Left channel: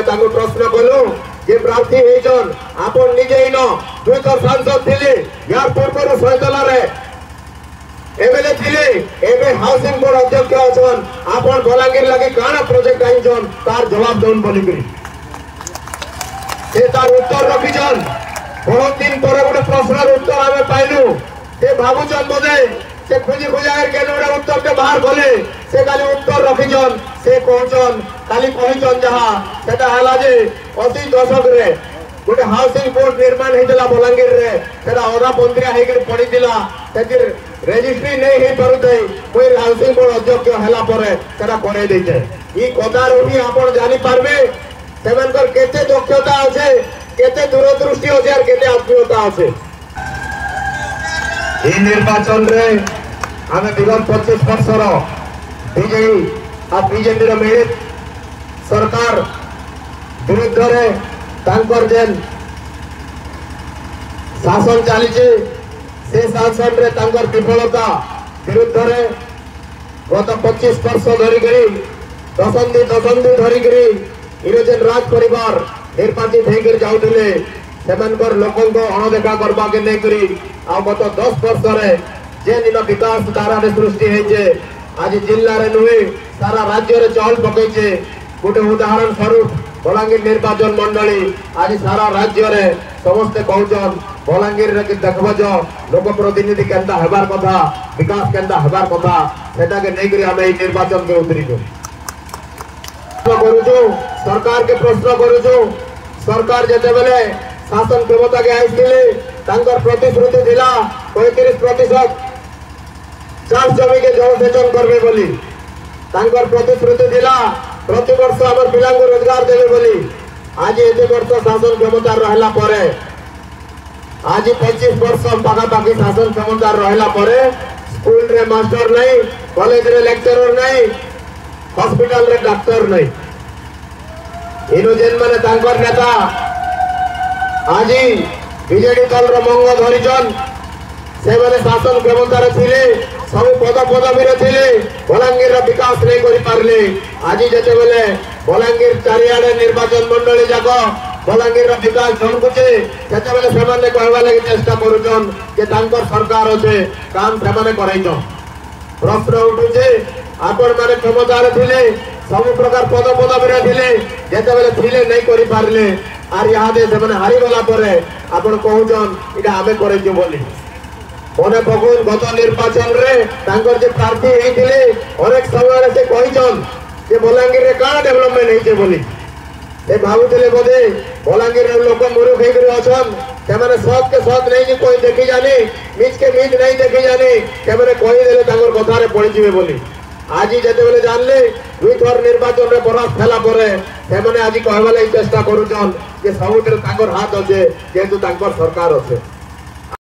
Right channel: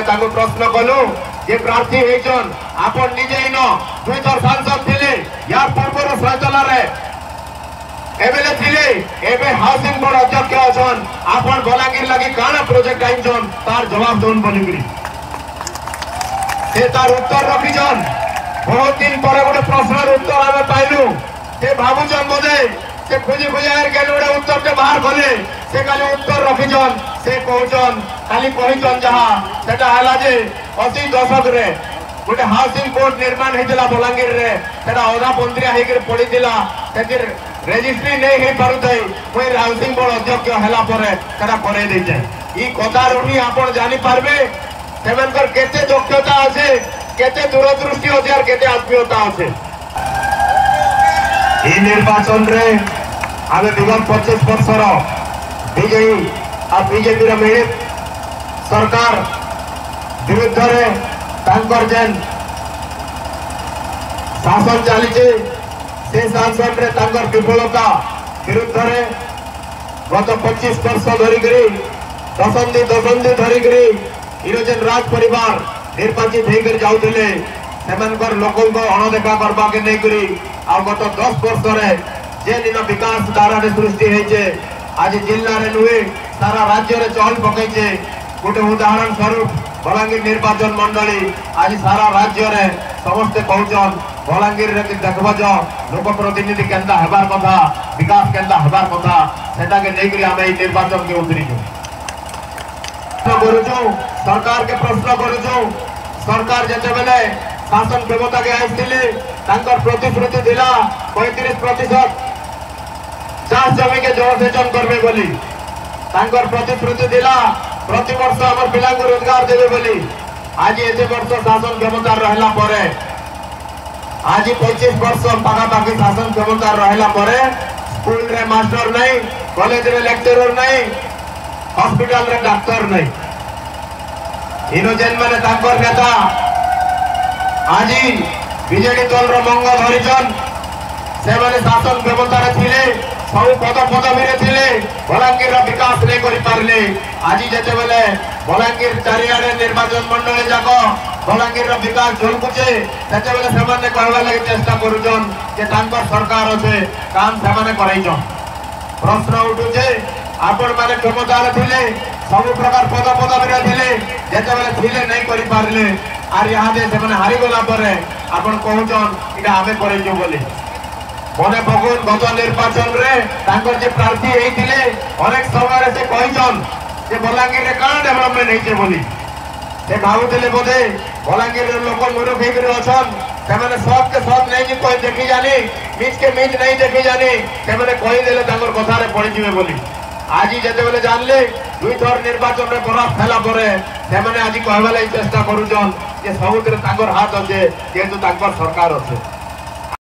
आमे ताको प्रश्न कलु जे प्रार्थी हेचन आपण निजे इन 2 थर सांसद थिले यार पूर्व सैतला रे एबेले थिले एबे हाउसिंग बोर्ड अध्यक्ष अछन आपण बलांगीर लागि काना प्रोजेक्ट आइछन तार जवाब दोन बोलिकरी से तार उत्तर रखिछन। बहुत दिन पर गोटे प्रश्नर उत्तर आमे पाइलु से भाबुछन बोधे से खोजी खोजार के गोटे उत्तर के बाहर गले से खाली उत्तर रखिछन से कहछन खाली कहिछन जहा सेटा हला जे 80 दशक रे गोटे हाउसिंग बोर्ड निर्माण हेतला बलांगीर रे सेटा अधा पंत्रिया हेकर पडितिला सेकर रेजिस्ट्री नहीं हे पारुते कोई हाउसिंग बोर्ड अध्यक्ष हला परे सेटा कोने देते ई कथा रही आपण जानि पारबे सेमनकर केते दक्षता আছে केते दूरदृष्टि আছে আর केते आत्मीयता আছে। এই নির্বাচন রে আমি বিগত 25 বছর বিজেপি আর বিজেপির মিলিত সরকার বিরুদ্ধে তাঙ্কর যেন শাসন চালিছে से शासन रे तांकर विफलता विरुद्ध गत 25 वर्ष धरिकी दशंधि धरिकी इरोजन राज परिवार निर्वाचित होकर जाऊले सेमनकर लोकंक अणदेखा करबा के नहीं करी आ गत 10 वर्ष रे जे दिन विकास धारा सृष्टि होइछे आज जिल्ला रे नुहे सारा राज्य रे चहल पकईछे। गोटे उदाहरण स्वरूप बलांगीर निर्वाचन मंडली आज सारा राज्य रे समस्ते कहउछन बलांगीर रे देखबो जो लोक प्रतिनिधि केंता हेबार कथा विकास केंता हेबार कथा सेटा के नै करी हम ए निर्वाचन के उतरिजो करूछु सरकार के प्रश्न करूछु। सरकार जते बेले शासन क्षमता के आइथिले तांकर प्रतिश्रुति दिला 35% चाष जमी के जलसेचन करबे बोली तांकर प्रतिश्रुति दिला प्रति वर्ष हमर पिला को रोजगार देबे बोली आज एते वर्ष शासन क्षमता रहला परे आज 25 वर्ष पाखा पाखी शासन क्षमता रहला परे स्कूल रे मास्टर नहीं कॉलेज रे लेक्चरर नहीं हॉस्पिटल रे डॉक्टर नहीं इनो जेन माने तांकर नेता आज बीजेडी दल रो मंग धरिजन से माने शासन क्षमता रे थिले सब पदवी रे थिले बलांगीर रो विकास नहीं करि पारले आज जते बेले बलांगीर चारियाडे निर्वाचन मंडली जाको बलांगीर विकास झलकुचे सेते बेले सेमाने कहवा लागि चेष्टा करूछन जे तांकर सरकार अछि काम सेमाने करैछन। प्रश्न उठुचे आपण माने क्षमता रे थिले सब प्रकार पदवी रे थिले जते बेले थिले नहीं करि पारले आर यहाँ दे सेमाने हारि गला परे आपण कहउछन इटा आमे करैछु बोली मने भगवान गत निर्वाचन रे तांकर जे प्रार्थी हेइथिले अनेक समय से कहिछन जे बलांगीर रे काना डेवलपमेंट हेइछे बोली ए भावुतिले बोधे बलांगीर रे लोक मूर्ख हेकर अछन सेमाने सब के सब नहीं कोई देखि जानी मीज के मीज नहीं देखि जानी सेमाने कहि देले तांकर कथा रे पड़ी जिवे बोली आज जते बेले जानले 2 थर निर्वाचन रे परास्त होला परे सेमाने आज कहबा लागि चेष्टा करूछन जे सबुतरे तांकर हाथ अछि जेतु तांकर सरकार अछि।